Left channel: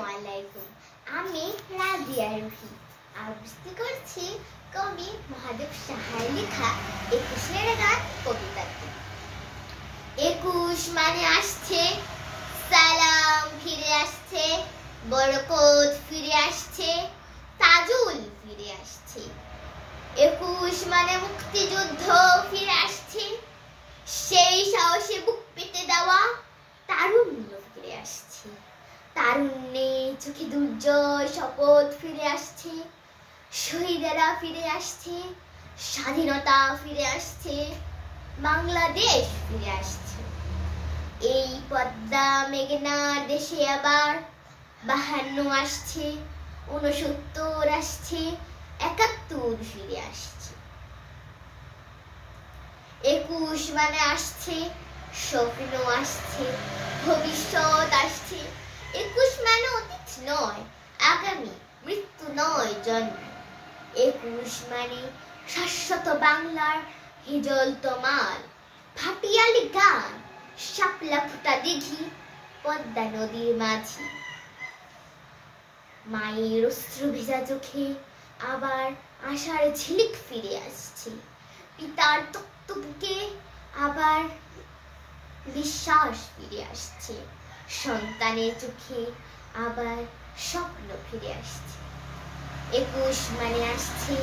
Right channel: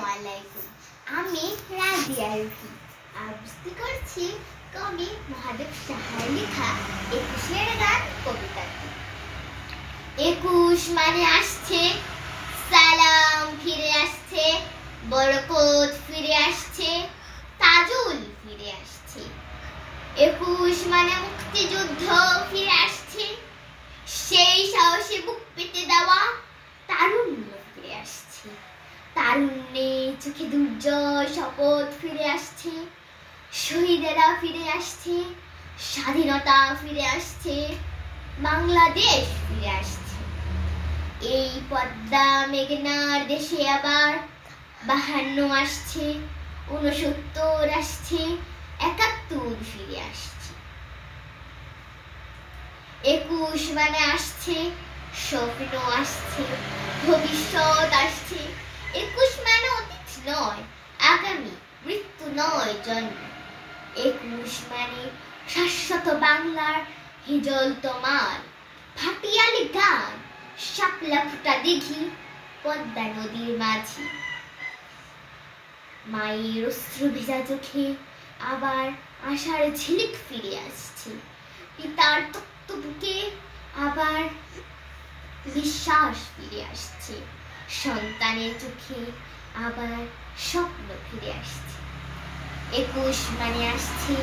আসসালামুআলাইকুম। আমি রাজিয়া রুহি আবৃত্তি করছি কবি মহাদেব সাহার লেখা ২১ গান কবিতাটি। ২১ মানে আসছে, সালাম ফিরে আসছে, বরকত ফিরে আসছে, তাজুল ফিরে আসছে। ২১ মানে মুক্তিযুদ্ধ ফিরে আসছে, সেই সাহসে বুক পেতে দেওয়া তারুণ্য ফিরে আসছে। তারুণ্যে চোখে দুর্জয় শপথ ফিরে আসছে, শহীদেরা ফিরে আসছে, স্বাধীনতা ফিরে আসছে, বাংলাদেশ ফিরে আসছে। এই পদ্মা মেঘনার দেশে আবার ৫২ আসছে, ৬৯ আসছে, ৭১ ফিরে আসছে। ২১ মানে আসছে, স্বপ্ন আসছে, ভবিষ্যৎ আসছে। ২১ মানে অতীত নয় আগামী, মৃত্যু নয় জন্ম। ২১ মানে শাশ্বত বাংলার হিজল তোমার, ভাটিয়ালি গান, শাপলা ফুটা দিঘি, পদ্মা নদীর মাঝি। মায়ের অশ্রু ভেজা চোখে আবার আশার ঝিলিক ফিরে আসছে, পিতার তপ্ত বুকে আবার বিশ্বাস ফিরে আসছে, সন্তানের চোখে আবার স্বপ্ন ফিরে আসছে। ২১ মানে আসছে